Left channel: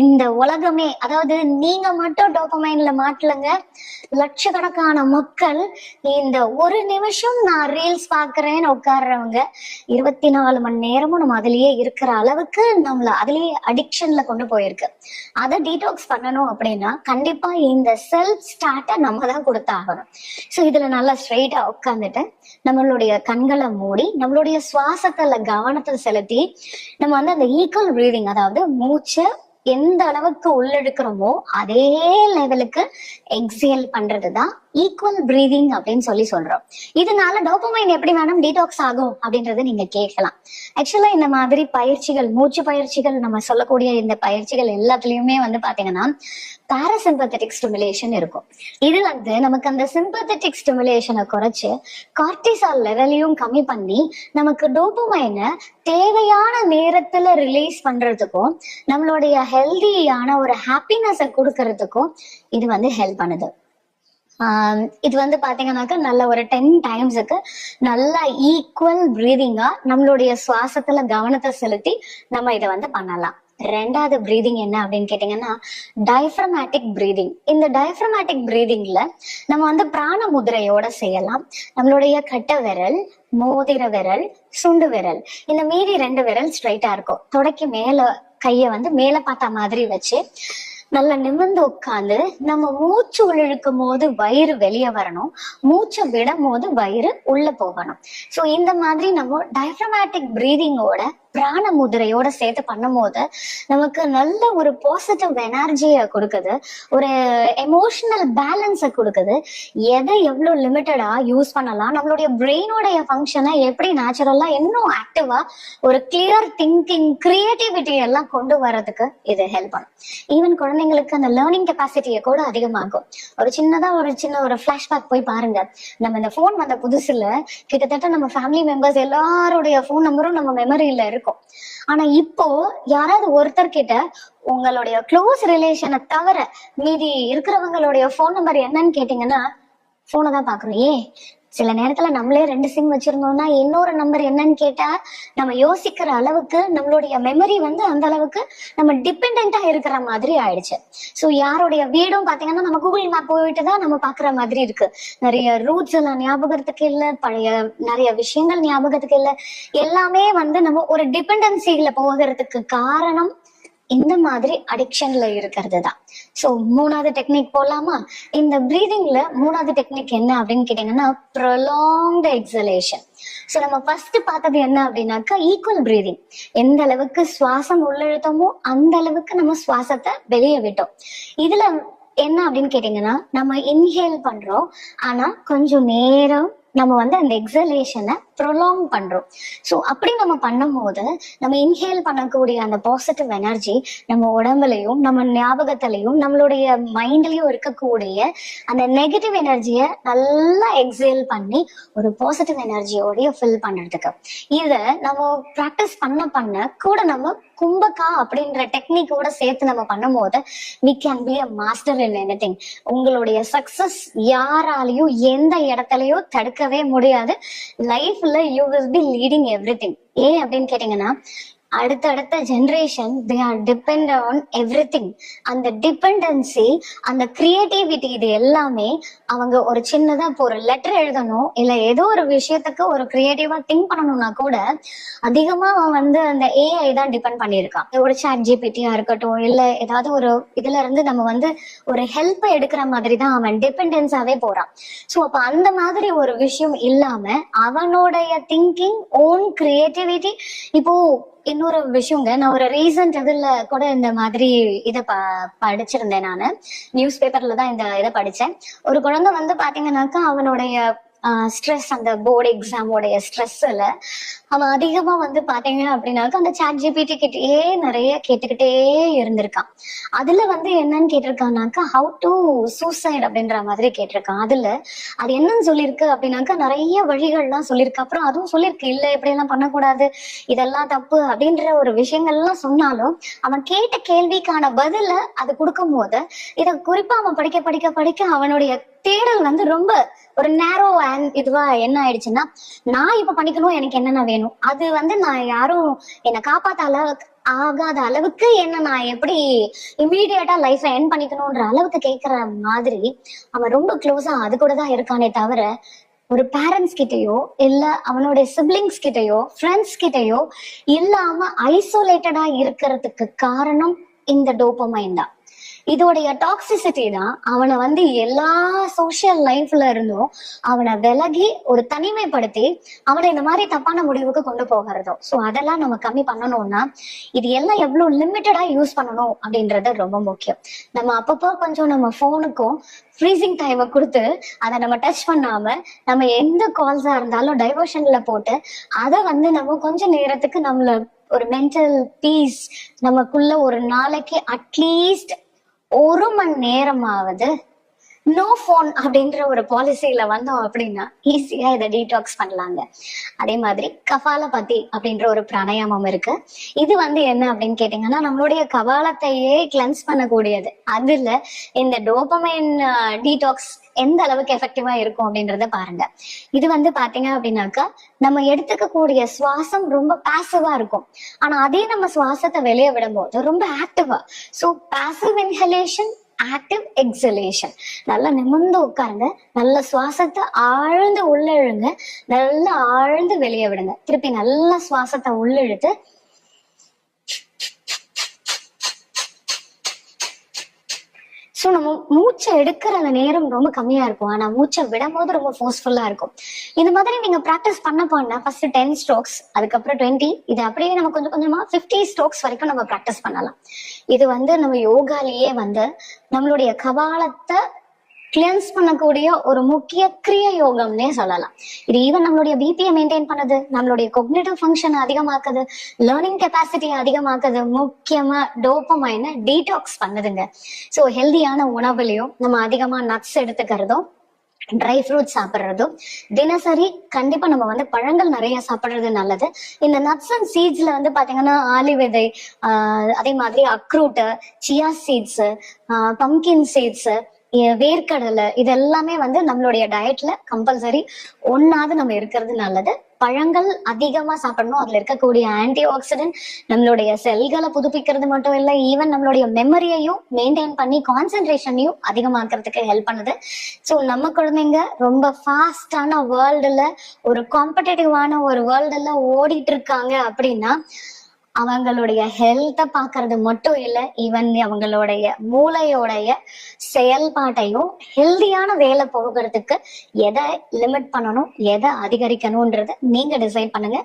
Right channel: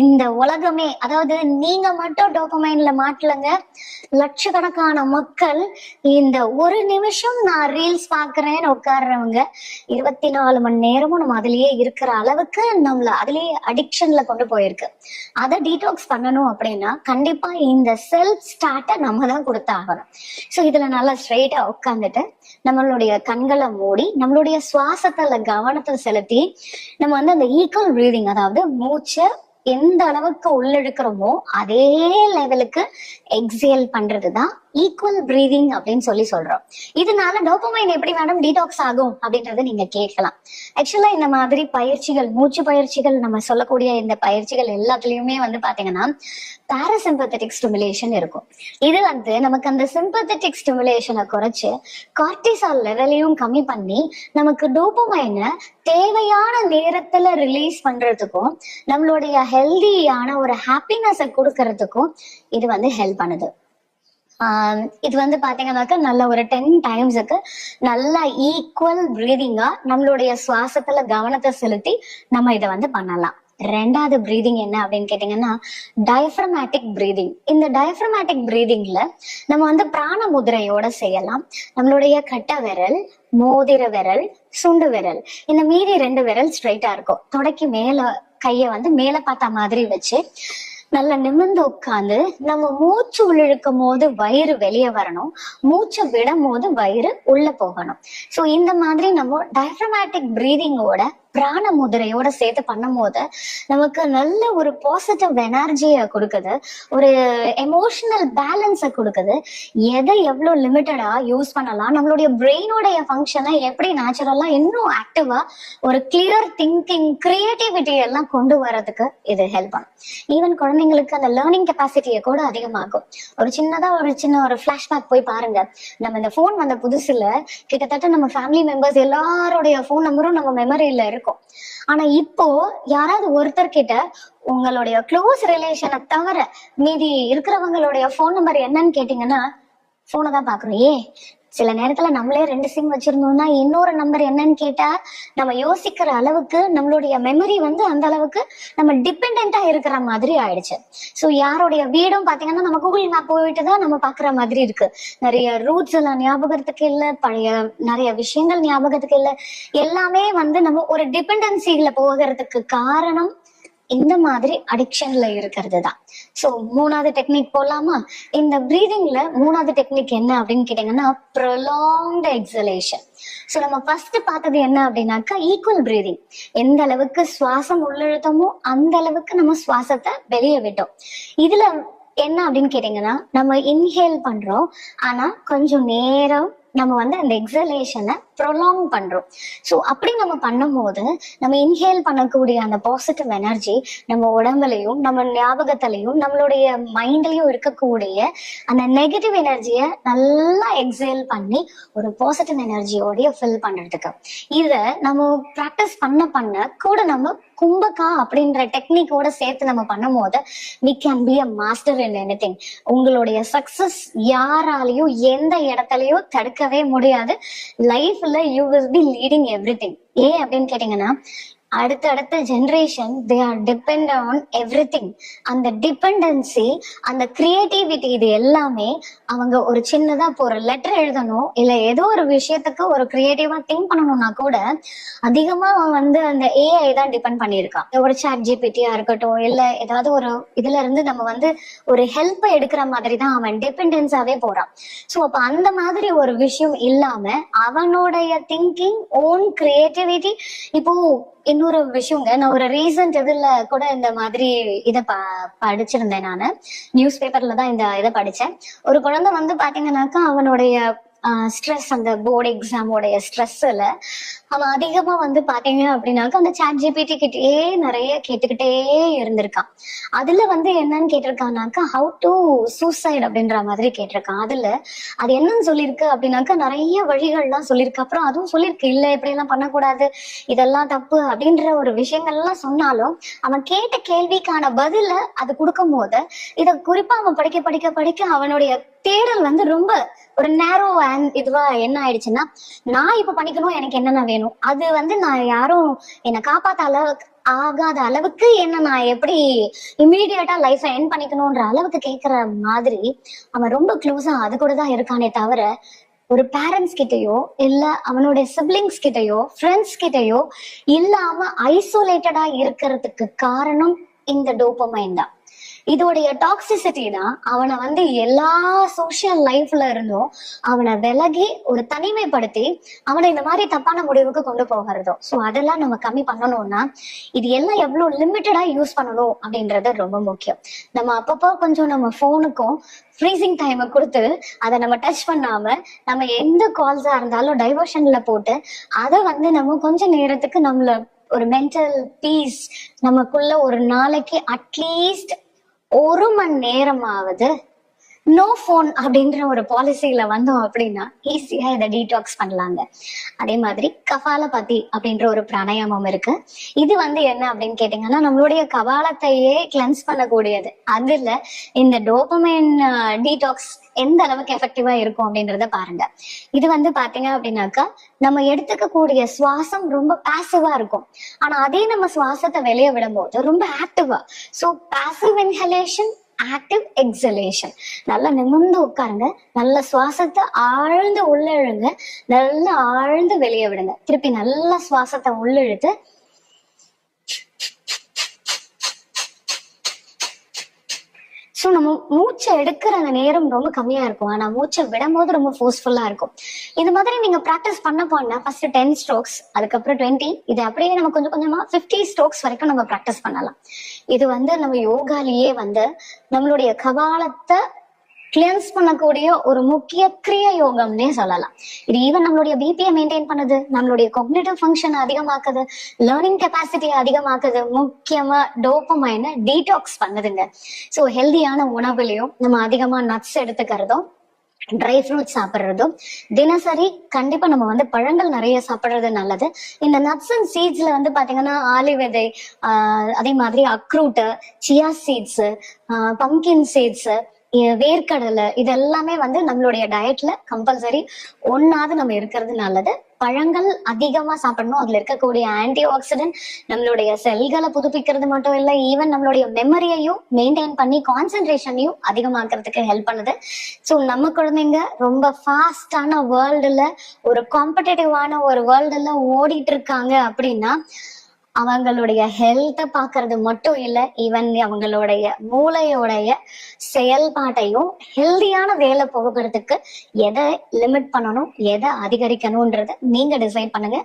இந்த உலகமே, அதாவது நீங்க மட்டும் டோபமைன்ல மாட்டலங்க, லட்சக்கணக்கான மக்கள் இந்த ஒரு நிமிஷம் நான் ரீல்ஸ் பாக்குறேன்னு உட்கார்றவங்க 24 மணி நேரமும் நம்ம அதுலயே இருக்கிற அளவுக்கு நம்மள அதுலயே அடிக்ஷன்ல கொண்டு போயிருக்கு. அதை டீடாக்ஸ் பண்ணணும் அப்படின்னா கண்டிப்பா இந்த செல்ஃப் ஸ்டார்ட்டை நம்ம தான் கொடுத்தாகணும். ஸோ இதுல நல்லா ஸ்ட்ரெயிட்டா உட்காந்துட்டு நம்மளுடைய கண்களை மூடி நம்மளுடைய சுவாசத்துல கவனத்தை செலுத்தி நம்ம வந்து அந்த ஈக்குவல் பிரீதிங், அதாவது மூச்சை எந்த அளவுக்கு உள்ளெடுக்கிறோமோ அதே லெவலுக்கு எக்ஸேல் பண்றதுதான் ஈக்குவல் பிரீதிங் அப்படின்னு சொல்றோம். இதனால டோபமைன் எப்படி மேடம் டீடாக்ஸ் ஆகும் அப்படின்றது நீங்க கேட்கலாம். ஆக்சுவலா இந்த மாதிரி பயிற்சிகள், மூச்சு பயிற்சிகள், நம்ம சொல்லக்கூடிய இந்த பயிற்சிகள் எல்லாத்துலயுமே வந்து பாத்தீங்கன்னா பாராசிம்பத்தட்டிக் ஸ்டிமுலேஷன் இருக்கும். இது வந்து நமக்கு அந்த சிம்பத்தட்டிக் ஸ்டிமுலேஷனை குறைச்சு கார்டிசால் லெவலையும் கம்மி பண்ணி நமக்கு டோபமைனை தேவையான நேரத்துல ரிலீஸ் பண்றதுக்கும் நம்மளுடைய ஹெல்தியான ஒரு ஹாப்பினஸை கொடுக்கறதுக்கும் இது வந்து ஹெல்ப் பண்ணுது. இது வந்து பாத்தீங்கன்னாக்கா நல்ல ஒரு 10 டைம்ஸுக்கு நல்ல ஈக்குவல் பிரீதிங்கா நம்மளுடைய சுவாசத்துல கவனத்தை செலுத்தி நம்ம இதை வந்து பண்ணலாம். ரெண்டாவது பிரீதிங் என்ன அப்படின்னு கேட்டீங்கன்னா டயப்ரமேட்டிக் பிரீதிங். இந்த டயப்ரமேட்டிக் பிரீதிங்ல நம்ம வந்து பிராண முதிரையோட செய்யலாம். நம்மளுடைய கட்டை விரல், மோதிர விரல், சுண்டு விரல், இந்த மீதி 2 விரல் ஸ்ட்ரைட்டா இருக்கும். தொடக்கி மேல கைய வந்து மேல பார்த்த மாதிரி வச்சு நல்லா நிமிர்ந்து உட்கார்ந்து நம்ம மூச்சு உள்ளிழுக்கும் போது வயிறு வெளியே வரணும், மூச்சை விடும் போது வயிறு உள்ள போகணும். ஸோ இந்த மாதிரி நம்ம டயப்ரமேட்டிக் பிரீதிங்கோட பிராண முதிரையோட சேர்த்து பண்ணும் போது நமக்கு நல்ல ஒரு பாசிட்டிவ் எனர்ஜியை கொடுக்குது, ஒரு எமோஷனல் பேலன்ஸை கொடுக்குது. எதை எவ்வளவு லிமிட்டடா யூஸ் பண்ணலாம், நம்மளுடைய பிரெயினோடைய ஃபங்க்ஷனை எப்படி நேச்சுரலா இன்னும் ஆக்டிவா ஒரு கிளியர் திங்கிங், கிரியேட்டிவிட்டி எல்லாம் கொண்டு வரதுக்கு இது ஹெல்ப் பண்ணும். ஈவன் குழந்தைங்களுக்கு அந்த லேர்னிங் கெப்பாசிட்டியை கூட அதிகமாகும். ஒரு சின்ன ஒரு ஃபிளாஷ்பேக் போய் பாருங்க. நம்ம இந்த போன் வந்த புதுசுல கிட்டத்தட்ட நம்ம ஃபேமிலி மெம்பர்ஸ் எல்லாருடைய போன் நம்பரும் நம்ம மெமரியில இருக்கும். ஆனா இப்போ யாராவது ஒருத்தர் கிட்ட உங்களுடைய க்ளோஸ் ரிலேஷனை தவிர மீதி இருக்கிறவங்களுடைய போன் நம்பர் என்னன்னு கேட்டீங்கன்னா போனை தான் பாக்குறோம். சில நேரத்துல நம்மளே 2 சிம் வச்சிருந்தோம்னா இன்னொரு நம்பர் என்னன்னு கேட்டா நம்ம யோசிக்கிற அளவுக்கு நம்மளுடைய மெமரி வந்து அந்த அளவுக்கு நம்ம டிபெண்டா இருக்கிற மாதிரி ஆயிடுச்சு. சோ யாருடைய வீடும் பாத்தீங்கன்னா நம்ம கூகுள் மேப் போயிட்டு தான் நம்ம பாக்குற மாதிரி இருக்கு. நிறைய ரூட்ஸ் எல்லாம் ஞாபகத்துக்கு இல்ல, பழைய நிறைய விஷயங்கள் ஞாபகத்துக்கு இல்ல. எல்லாமே வந்து நம்ம ஒரு டிபெண்டன்சில போகிறதுக்கு காரணம் இந்த மாதிரி அடிக்ஷன்ல இருக்கிறது தான். சோ 3வது டெக்னிக் போலாமா? இந்த பிரீதிங்ல 3வது டெக்னிக் என்ன அப்படின்னு கேட்டீங்கன்னா ப்ரொலாங்ட் எக்ஸலேஷன். சோ நம்ம ஃபர்ஸ்ட் பார்த்தது என்ன அப்படின்னாக்கா ஈக்குவல் பிரீதிங். எந்த அளவுக்கு சுவாசம் உள்ளிழுத்தமோ அந்த அளவுக்கு நம்ம சுவாசத்தை வெளியே விட்டோம். இதுல என்ன அப்படின்னு கேட்டீங்கன்னா நம்ம இன்ஹேல் பண்றோம், ஆனா கொஞ்சம் நேரம் நம்ம வந்து அந்த எக்ஸலேஷனை ப்ரொலாங் பண்றோம். ஸோ அப்படி நம்ம பண்ணும் போது நம்ம இன்ஹேல் பண்ணக்கூடிய அந்த பாசிட்டிவ் எனர்ஜி நம்ம உடம்புலையும் நம்ம ஞாபகத்திலையும் நம்மளுடைய மைண்ட்லயும் இருக்கக்கூடிய அந்த நெகட்டிவ் எனர்ஜியை நல்லா எக்ஸேல் பண்ணி ஒரு பாசிட்டிவ் எனர்ஜியோடைய ஃபில் பண்றதுக்கு இதை நம்ம ப்ராக்டிஸ் பண்ண கூட நம்ம கும்பகா அப்படின்ற டெக்னிக்கோட சேர்த்து நம்ம பண்ணும் போது we can be a master in anything. உங்களுடைய சக்சஸ் யாராலையும் எந்த இடத்துலயும் தடுக்கவே முடியாது. லைஃப்ல you will be leading everything. ஏன் அப்படின்னு கேட்டீங்கன்னா அடுத்த generation they are depend on everything. அந்த டிபெண்டன்சி, அந்த கிரியேட்டிவிட்டி, இது எல்லாமே அவங்க ஒரு சின்னதா இப்போ ஒரு லெட்டர் எழுதணும் இல்ல ஏதோ ஒரு விஷயத்துக்கு ஒரு கிரியேட்டிவா திங்க் பண்ணணும்னா கூட அதிகமா அவன் வந்து அந்த ஏஐ தான் டிபெண்ட் பண்ணியிருக்கான். ஒரு சாட் ஜிபிடியா இருக்கட்டும் இல்ல ஏதாவது ஒரு இதுல இருந்து நம்ம வந்து ஒரு ஹெல்ப் எடுக்கிற மாதிரி தான் அவன் டிபெண்டன்ஸாவே போறான். சோ அப்ப அந்த மாதிரி ஒரு விஷயம் இல்லாம அவனுடைய திங்கிங், ஓன் கிரியேட்டிவிட்டி. இப்போ இன்னொரு விஷயங்க, நான் ஒரு ரீசன்ட் இதுல கூட இந்த மாதிரி இதை படிச்சிருந்தேன். நானு நியூஸ் பேப்பர்ல தான் இந்த இதை படிச்சேன். ஒரு குழந்தை வந்து பாத்தீங்கன்னாக்கா அவனுடைய ஸ்ட்ரெஸ், அந்த போர்டு எக்ஸாமோடைய ஸ்ட்ரெஸ்ல அவன் அதிகமா வந்து பாத்தீங்க அப்படின்னாக்கா அந்த சாட் ஜிபிடி கிட்டே நிறைய கேட்டுக்கிட்டே இருந்திருக்கான். அதுல வந்து என்னன்னு கேட்டிருக்கானாக்கா ஹவு டு சூசைட் அப்படின்ற மாதிரி கேட்டிருக்கான். அதுல அது என்னன்னு சொல்லியிருக்கு அப்படின்னாக்கா நிறைய வழிகள்லாம் சொல்லியிருக்கு. அப்புறம் அதுவும் சொல்லியிருக்கு இல்ல இப்படி எல்லாம் பண்ணக்கூடாது, இதெல்லாம் தப்பு அப்படின்ற ஒரு விஷயங்கள்லாம் சொன்னாலும் அவன் கேட்ட கேள்விக்கான பதில அது கொடுக்கும் போது இத குறிப்பா அவன் படிக்க அவனுடைய தேடல் வந்து ரொம்ப ஒரு நேரோ இதுவா என்ன ஆயிடுச்சுன்னா நான் இப்ப பண்ணிக்கணும், எனக்கு என்னென்ன வேணும், அது வந்து நான் யாரும் என்னை காப்பாத்தால ஆகாத அளவுக்கு என்ன நான் எப்படி இம்மீடியட்டா லைஃபை என் பண்ணிக்கணும்ன்ற அளவுக்கு கேட்கிற மாதிரி அவன் ரொம்ப க்ளோஸா அது கூட தான் இருக்கானே தவிர ஒரு பேரண்ட்ஸ் கிட்டயோ இல்ல அவனுடைய சிப்லிங்ஸ் கிட்டயோ ஃப்ரெண்ட்ஸ் கிட்டயோ இல்லாம ஐசோலேட்டடா இருக்கிறதுக்கு காரணம் இந்த டோபமைன் தான். இதோடைய டாக்ஸிசிட்டி தான் அவனை வந்து எல்லா சோசியல் லைஃப்ல இருந்தும் அவனை விலகி ஒரு தனிமைப்படுத்தி அவனை இந்த மாதிரி தப்பான முடிவுக்கு கொண்டு போகிறதும். ஸோ அதெல்லாம் நம்ம கம்மி பண்ணணும்னா இது எல்லாம் எவ்வளவு லிமிட்டடா யூஸ் பண்ணணும் அப்படின்றது ரொம்ப முக்கியம். நம்ம அப்பப்போ கொஞ்சம் நம்ம போனுக்கும் ஃப்ரீசிங் டைமை கொடுத்து அதை நம்ம டச் பண்ணாம நம்ம எந்த கால்ஸா இருந்தாலும் டைவர்ஷன்ல போட்டு அதை வந்து நம்ம கொஞ்ச நேரத்துக்கு நம்மள ஒரு மென்டல் பீஸ் நமக்குள்ள ஒரு நாளைக்கு அட்லீஸ்ட் 1 மணி நேரமாவது நோ போன் அப்படின்ற ஒரு பாலிசியில வந்தோம் அப்படின்னா ஈஸியா இதை டீடாக்ஸ் பண்ணலாங்க. அதே மாதிரி கபாலபதி அப்படின்ற ஒரு பிராணாயாமம் இருக்கு. இது வந்து என்ன அப்படின்னு கேட்டீங்கன்னா நம்மளுடைய கபாலத்தையே கிளென்ஸ் பண்ணக்கூடியது. அதுல இந்த டோபமைன் டீடாக்ஸ் எந்த அளவுக்கு எஃபெக்டிவா இருக்கும் அப்படின்றத பாருங்க. இது வந்து பாத்தீங்க அப்படின்னாக்கா நம்ம எடுத்துக்கக்கூடிய சுவாசம் ரொம்ப பாசிவா இருக்கும். ஆனா அதே நம்ம சுவாசத்தை வெளியே விடும்போது ரொம்ப ஆக்டிவா. So passive inhalation, active exhalation. நல்லா நிமிர்ந்து உட்காருங்க, நல்ல சுவாசத்தை ஆழ்ந்து உள்ள இழுங்க, நல்லா ஆழ்ந்து வெளியே விடுங்க. திருப்பி நல்ல சுவாசத்தை உள்ள இழுத்து ஸோ நம்ம மூச்சை எடுக்கிற அந்த நேரம் ரொம்ப கம்மியா இருக்கும். ஆனா மூச்சை விடும் போது ரொம்ப ஃபோர்ஸ்ஃபுல்லா இருக்கும். இந்த மாதிரி நீங்க ப்ராக்டிஸ் பண்ண ஃபர்ஸ்ட் 10 ஸ்ட்ரோக்ஸ், அதுக்கப்புறம் 20, இது அப்படியே நம்ம கொஞ்சம் கொஞ்சமா 50 ஸ்ட்ரோக்ஸ் வரைக்கும் நம்ம ப்ராக்டிஸ் பண்ணலாம். இது வந்து நம்ம யோகாலேயே வந்து நம்மளுடைய கபாலத்தை கிளென்ஸ் பண்ணக்கூடிய ஒரு முக்கிய கிரிய யோகம்னே சொல்லலாம். இது ஈவன் நம்மளுடைய பிபியை மெயின்டைன் பண்ணுது, நம்மளுடைய கொக்னிட்டிவ் ஃபங்க்ஷன் அதிகமாக்குது, லேர்னிங் கெப்பாசிட்டியை அதிகமாக்குது, முக்கியமா டோபமைனை டீடாக்ஸ் பண்ணுதுங்க. ஸோ ஹெல்தியான உணவுலையும் நம்ம அதிகமா நட்ஸ் எடுத்துக்கிறதும் ட்ரை ஃப்ரூட்ஸ் சாப்பிட்றதும் தினசரி கண்டிப்பா நம்ம வந்து பழங்கள் நிறைய சாப்பிட்றது நல்லது. இந்த நட்ஸ் அண்ட் சீட்ஸ்ல வந்து பாத்தீங்கன்னா ஆலி விதை, அதே மாதிரி அக்ரூட்டு, சியா சீட்ஸ், பம்கின் சீட்ஸ், வேர்க்கடலை, இதெல்லாமே வந்து நம்மளுடைய டயட்ல கம்பல்சரி ஒன்னாவது நம்ம இருக்கிறது நல்லது. பழங்கள் அதிகமா சாப்பிடணும். அதுல இருக்கக்கூடிய ஆன்டி ஆக்சிடென்ட் நம்மளுடைய செல்களை புதுப்பிக்கிறது மட்டும் இல்லை, ஈவன் நம்மளுடைய மெமரியையும் மெயின்டைன் பண்ணி கான்சென்ட்ரேஷனையும் அதிகமாக்குறதுக்கு ஹெல்ப் பண்ணுது. ஸோ நம்ம குழந்தைங்க ரொம்ப ஃபாஸ்டான வேர்ல்டுல, ஒரு காம்படிட்டிவான ஒரு வேர்ல்டுல ஓடிட்டு இருக்காங்க அப்படின்னா அவங்களுடைய ஹெல்த்தை பாக்குறது மட்டும் இல்லை, ஈவன் அவங்களுடைய மூளையோடைய செயல்பாட்டையும் ஹெல்தியான வேலை போகிறதுக்கு எதை லிமிட் பண்ணணும், எதை அதிகரிக்கணும்ன்றத நீங்க டிசைட் பண்ணுங்க.